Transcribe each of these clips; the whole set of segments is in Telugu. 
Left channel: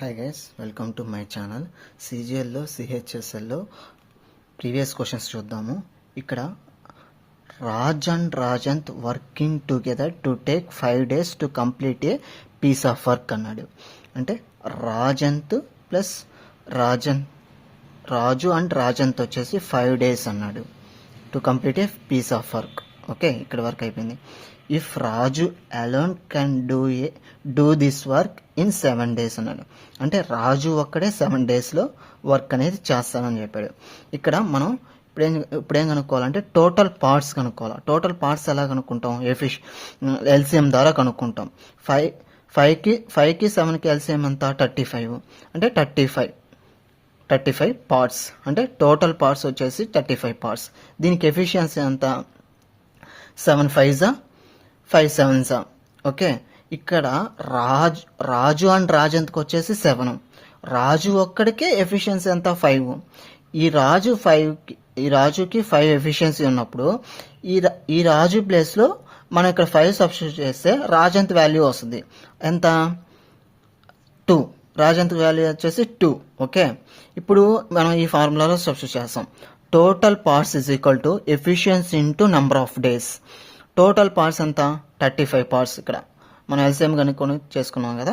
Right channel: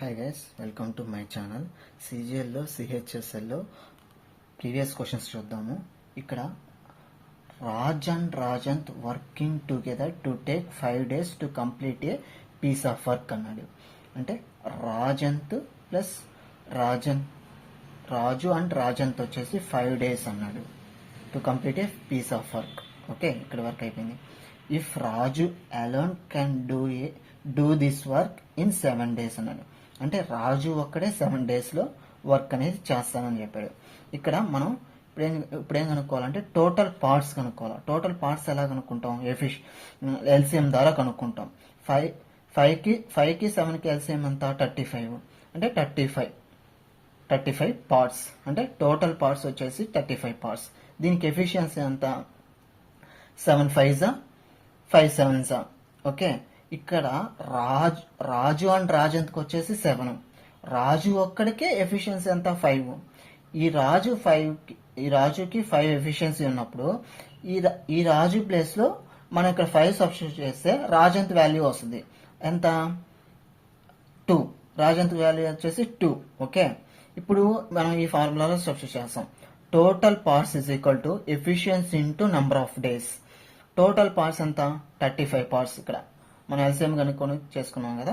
Hi guys, welcome to my channel. సిజిఎల్లో సిహెచ్ఎస్ఎల్లో ప్రీవియస్ క్వశ్చన్స్ చూద్దాము. ఇక్కడ Raj and Rajanth working together to take 5 days to complete a piece of work అన్నాడు. అంటే రాజంత్ ప్లస్ రాజు అండ్ రాజంత్ వచ్చేసి 5 days అన్నాడు to complete a piece of work. Okay, ఇక్కడ వర్క్ అయిపోయింది. If Raju alone can do this work in 7 days అన్నాడు. అంటే రాజు ఒక్కడే 7 daysలో వర్క్ అనేది చేస్తానని చెప్పాడు. ఇక్కడ మనం ఇప్పుడేం కనుక్కోవాలంటే టోటల్ పార్ట్స్ కనుక్కోవాలి. టోటల్ పార్ట్స్ ఎలా కనుక్కుంటాం? ఎల్సిఎం ద్వారా కనుక్కుంటాం. 5కి 7కి ఎల్సిఎం ఎంత? 35. అంటే 35 పార్ట్స్. అంటే టోటల్ పార్ట్స్ వచ్చేసి 35 పార్ట్స్. దీనికి ఎఫిషియన్సీ ఎంత? 7 5s 5 7s. ఓకే, ఇక్కడ రాజు అండ్ రాజంత్కి వచ్చేసి 7. రాజు ఒక్కడికే ఎఫిషియన్సీ ఎంత? 5. ఈ రాజుకి 5 ఎఫిషియన్సీ ఉన్నప్పుడు ఈ రాజు ప్లేస్లో మనం ఇక్కడ 5 సబ్స్టిట్యూట్ చేస్తే రాజంత్ వాల్యూ వస్తుంది. ఎంత? 2. రాజంత్ వాల్యూ వచ్చేసి 2. ఓకే, ఇప్పుడు మనం ఈ ఫార్ములాలో సబ్స్టిట్యూట్ చేస్తాం. Total parts is equal to efficiency into number of days. Total parts ఎంత? 35 పార్ట్స్. ఇక్కడ మనం ఎల్సిఎం కనుక్కొని చేసుకున్నాం కదా,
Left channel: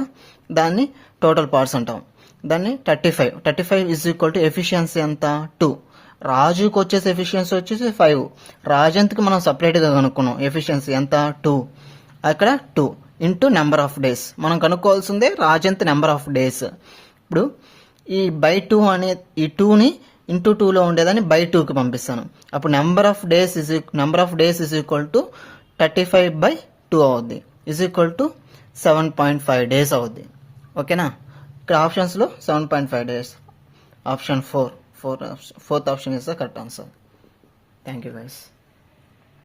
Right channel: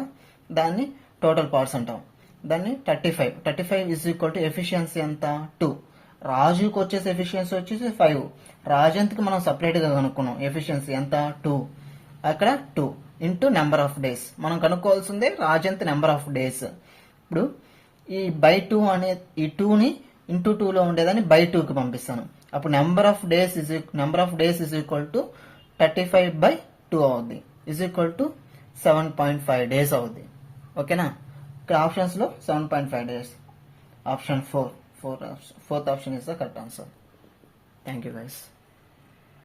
దాన్ని టోటల్ పార్ట్స్ అంటాం. దాన్ని 35 ఈజ్ ఈక్వల్ టు ఎఫిషియన్సీ ఎంత? 2. రాజుకి వచ్చేసి ఎఫిషియన్సీ వచ్చేసి 5. రాజంత్కి మనం సపరేట్గా కనుక్కున్నాం ఎఫిషియన్సీ ఎంత? 2. అక్కడ 2 ఇంటూ నెంబర్ ఆఫ్ డేస్. మనం కనుక్కోవాల్సిందే రాజంత్ నెంబర్ ఆఫ్ డేస్. ఇప్పుడు ఈ బై 2 అనే ఈ 2ని ఇంటూ 2లో ఉండేదాన్ని బై 2కి పంపిస్తాను. అప్పుడు number of days is equal to 35/2 అవుద్ది. ఈజ్ ఈక్వల్ టు 7.5 days అవుద్ది. ఓకేనా, ఇక్కడ ఆప్షన్స్లో 7.5 days. Option 4th option is the correct answer. Thank you guys.